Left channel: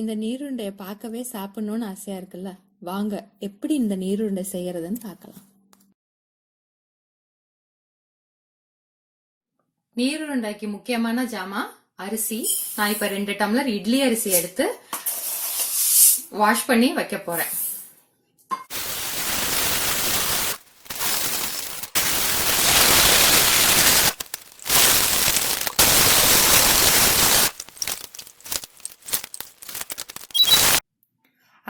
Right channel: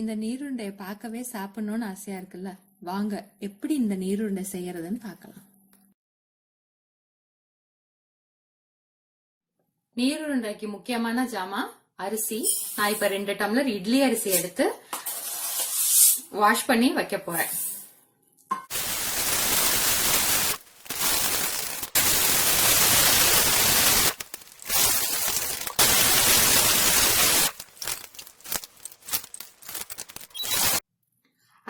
இந்த நீருண்டையை பார்க்கவே சாப்பிடணும்னு ஆசையா இருக்குல்ல, வாங்க எப்படி இந்த நீருண்டை செய்யறதுன்னு பார்க்கலாம். நீருண்டைக்கு முக்கியமான ஜாமான் அரிசி. நான் இப்ப 2 டம்ளர் இட்லி அரிசி எடுத்து வாஷ் பண்ணி வைக்க போறேன்.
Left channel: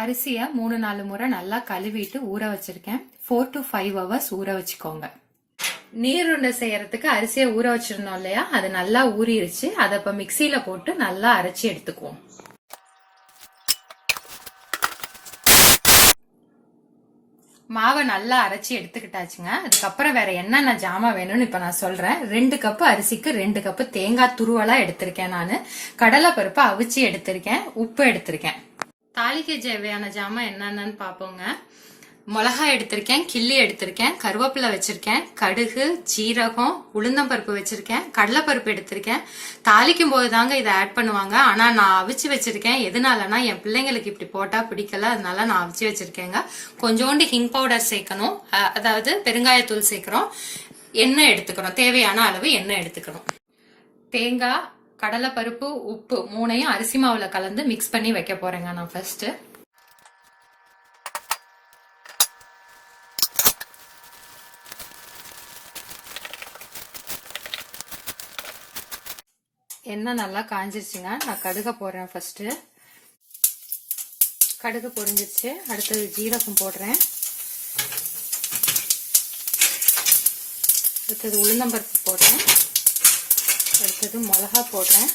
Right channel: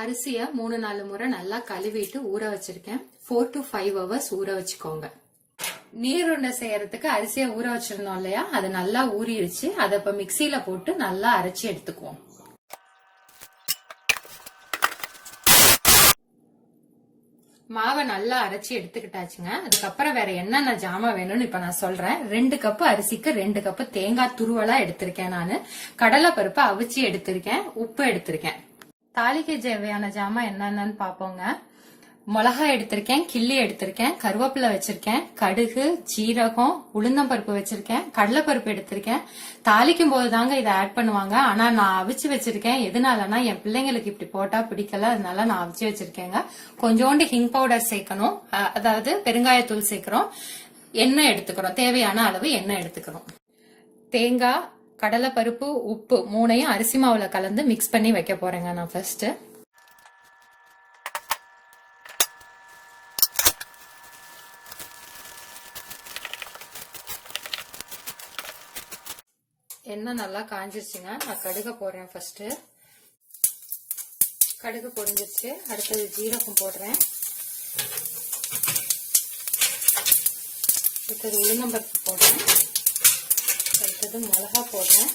அரிசிய 3-4 முறை நல்லா கழுவிட்டு ஊற வச்சிருக்கேன். 4 to 5 hours ஊற வச்சுக்கோங்க. நீருண்டை செய்யறதுக்கு அரிசியை ஊற வச்சிருந்தோம் இல்லையா, அது நல்லா ஊறிடுச்சு. அதை இப்ப மிக்சியில போட்டு நல்லா அரைச்சி எடுத்துக்குவோம். மாவை நல்லா அரைச்சி எடுத்துக்கிட்டாச்சுங்க. அதுக்கப்புறம் வேற என்னென்ன ஜாமான் வேணும்னு இப்ப நான் சொல்றேன். 2 கப்பு அரிசிக்கு 2 கப்பு தேங்காய் துருவலா எடுத்திருக்கேன். நானு கடலை பருப்பு அவிச்சு எடுத்திருக்கேன். உப்பு எடுத்திருக்கேன். தாளிக்கு தேவையான ஜாமான் என்னென்னு பாப்போங்க. மிளகாய் எடுத்திருக்கேன், கிள்ளி எடுத்திருக்கேன், கருவேப்பிலை வச்சிருக்கேன், கடுகு, ஜீரகம், உளுந்தம்பருப்பு வச்சிருக்கேன், கடலைப்பருப்பு எடுத்திருக்கேன். தாளிக்கும் போது தாங்க இதை ஆட் பண்ணுவாங்க. ஆனா நான் அவிச்சு வச்சிருக்கேன். எதனாலனா என் பிள்ளைங்களுக்கு இப்படி போட்டா பிடிக்கல, அதனால நான் அவிச்சு வச்சிருக்கேங்க. கொஞ்சோண்டு ஹிங் பவுடர் சேர்க்கணும், அதாவது பெருங்காயத்தூள் சேர்க்கிறோம். எண்ணெய் எடுத்துக்கிறோம், தேவையான அளவு எண்ணெய் எடுத்துக்கிறோம். தேங்காய், கடலை பருப்பு, உப்பு 3ஐயும் அரிசி மாவுல கலந்து மிக்ஸ் பண்ணி வைக்க போறேங்க நான் ஃபர்ஸ்ட். எண்ணெய் நல்லா காஞ்சிருச்சுங்க. நான் கடுக போடுறேன் ஃபர்ஸ்ட். கடுகு பொரிஞ்சிருச்சு. அடுத்தது ஜீரகம் போடுறேன். அடுத்தது உளுந்தம்பருப்பு போடுறேன். அடுத்தது மிளகா போடுறேன்.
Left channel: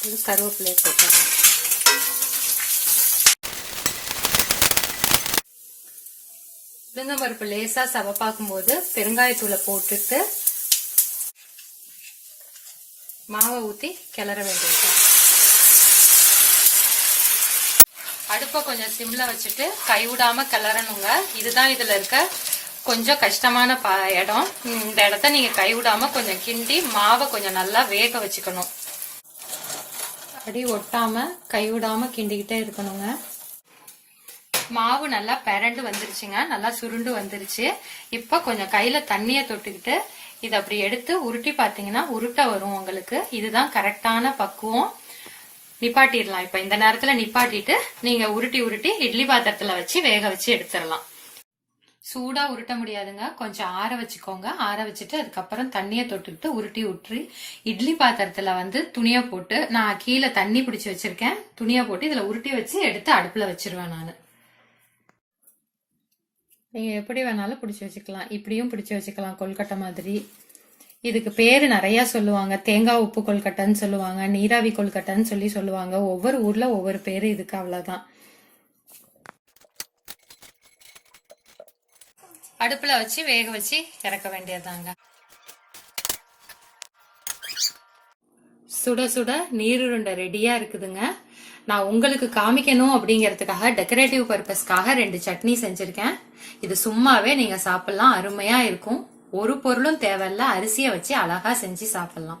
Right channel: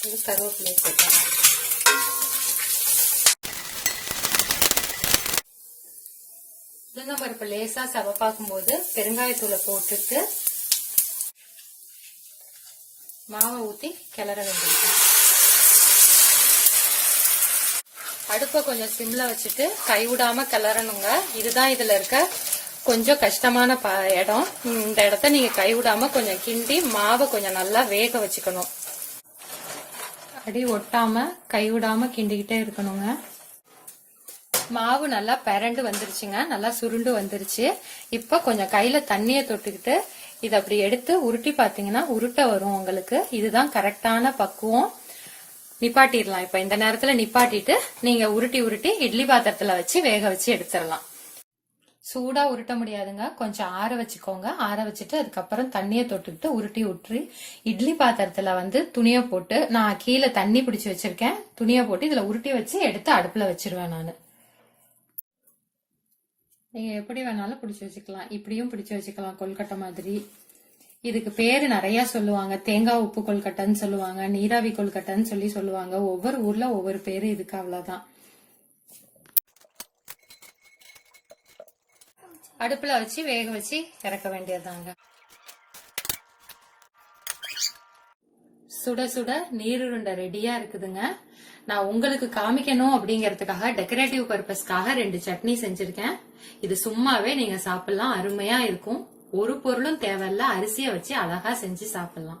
அடுத்தது கருவேப்பிலை போடுறேன். உளுந்தம்பருப்பு லேசா சவப்பாக்கும் போது பெருங்காயத்தூளை போட்டுட்டு மாவை ஊத்தி கிளற வேண்டியது. அடுப்பை கொஞ்சம் சிம்ல வச்சுட்டு கைவிடாம கிளறணுங்க. இதுதான் இதுல இருக்க கொஞ்சம் கஷ்டமான இடம். இந்த இடத்த நீங்க கைவிடாம கொஞ்சம் கிண்டி மாவை கொஞ்சம் நல்லா வேக வச்சுக்கணும். அடி ஒட்டாம கைவிடாம கிண்டிக்கிட்டே இருக்கணுங்க. மாவு நல்லா பெரண்டு வந்துருச்சுங்க, நல்லா சுருண்டு வந்துருச்சு. இப்ப கொஞ்சம் கையில தண்ணிய தொட்டுக்கிட்டு இதை அப்படி எடுத்து உருட்டி பாத்தீங்கன்னா உருட்ட வரும் உங்களுக்கு. இதுதான் கரெக்டான பக்குவம். நிப்பாட்டிடலாம். இப்ப இந்த நேரத்துல நிப்பாட்டிட்டு நீங்க உருட்டி உருட்டி இட்லி பாத்திரத்துல வச்சு வேக வச்சு எடுத்துடலாம். சூடா உருட்ட முடியாதுங்க, கொஞ்சம் ஆற வச்சுக்கோங்க. ஆற வச்சுட்டு அதுக்கப்புறம் தண்ணியை தொட்டுக்கிட்டு உருட்டி விட்டுரு. இட்லி பாத்திரத்துல துணியை போட்டு, நான் கீழே தண்ணி பிடிச்சி வச்சிருக்கேன், துணியை போட்டு இதுல உருட்டி வச்சு எடுத்து அடுப்புல வச்சிருவேன் நானு. நீங்க எப்படி வேணாலும் பிடிச்சி வச்சுக்கலாம். இப்படியும் பிடிச்சி வச்சுக்கலாம், கொல்கட்டை மாதிரி. இதுக்கு பேரு நிறைய சொல்லுவாங்க. தேங்காய் உப்பு கொல்கட்டைன்னு சொல்லுவாங்க, நீராவி கொல்கட்டைன்னு சொல்லுவாங்க. ஒவ்வொரு ஊர்ல ஒவ்வொரு பேரு இதுக்கு, அவ்வளவுதான். அடுப்புல வச்சு வேக வச்சு இறக்க வேண்டியதாங்க. சுட சுட நீருருண்டை ரெடியா இருக்குதுங்க. நான் உங்களுக்கு காமிக்கணும் அப்படிங்கறதுக்காக டெக்கரேட்டிவ் பர்பஸ்க்காக 2 சட்னி செஞ்சிருக்கேன். இது சும்மாவே நீங்க சாப்பிடலாம், அருமையா இருக்கும். ஒரு பொருளும் தேவையில்ல, அரிசியை வச்சு அழகா செஞ்சு சாப்பிடலாம்.